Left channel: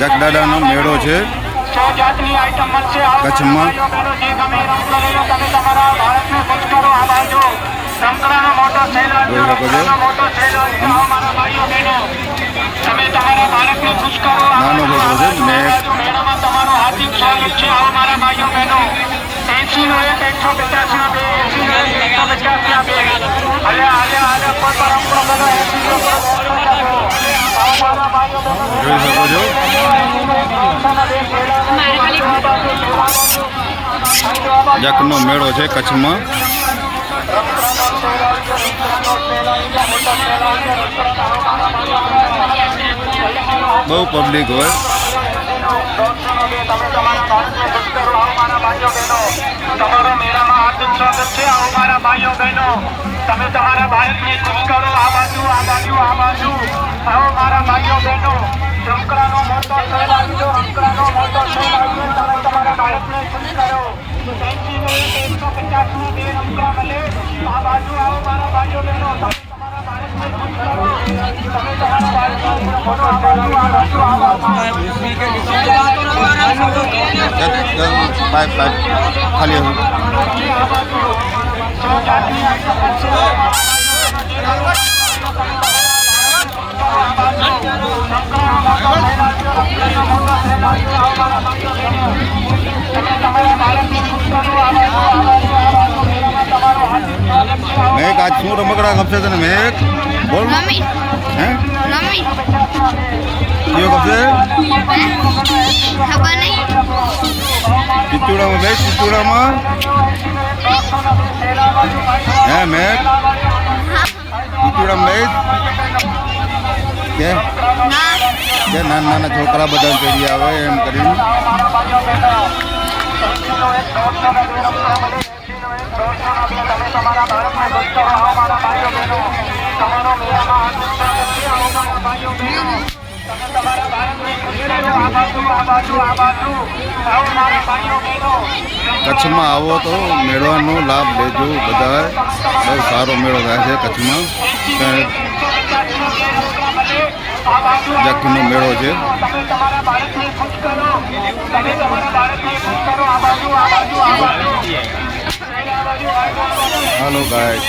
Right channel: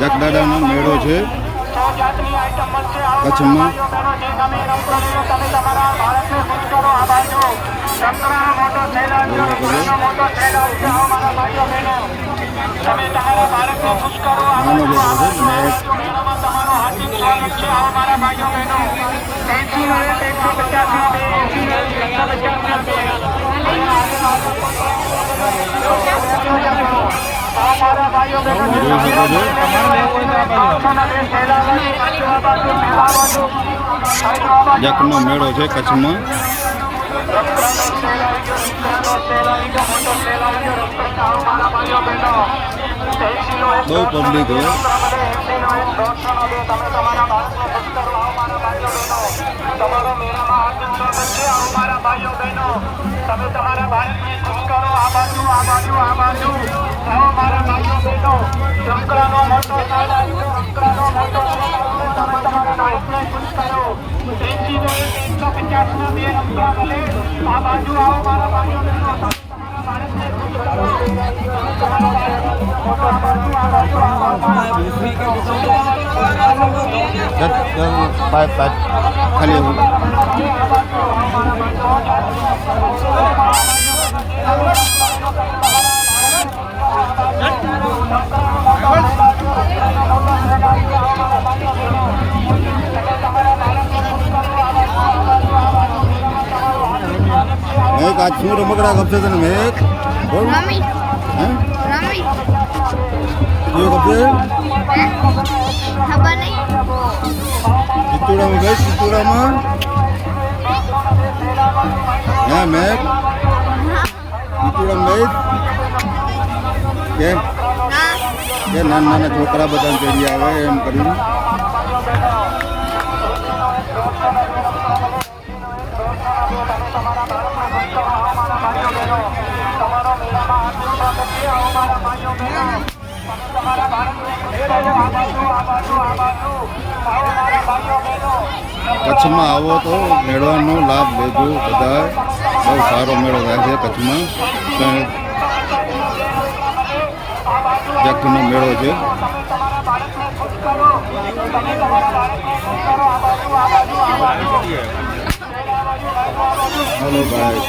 જગદાદાનો મેળો છે કચ્છમાં. નાનો છોકરો છે મેઘ. જોઈ શકો છો જગનો મેળો છે કચ્છમાં. બહુ પબ્લિક હોય. તમે તમારા ભારતને ખુશ કરો. આ બાજુ આ બાજુ આ બાજુ આવો મારા ભાઈઓ બહેનો. શંકરનો મોટો ખેલાડીઓ, શંકરનો મોટો ખેલાડીઓ, તમે તમારા ભારતને ખુશ કરો. 150 બે રૂપિયા મળે. આ બાજુ આવો મારા ભાઈઓ બહેનો. તમે તમારા ભારતને મોટો ખાલી મેઘ આજ શું રમકડા ગમશે તને મેઘ? બોલ. હે કયો ગમશે? ખબર નહીં. ચિત્તુડામાં મેઘ, ચિત્તુડામાં હે મેઘ? ચિત્તુડામાં મેઘ કે નાના નાના છોકરા બધા ચડી આવે એમ કરીને. કચ્છમાં આવો તો મેળાનો લાભ લેજો બધા. બહુ સારો મેળો થાય છે કચ્છમાં. જગનો મેળો છે. હાલો ગાય.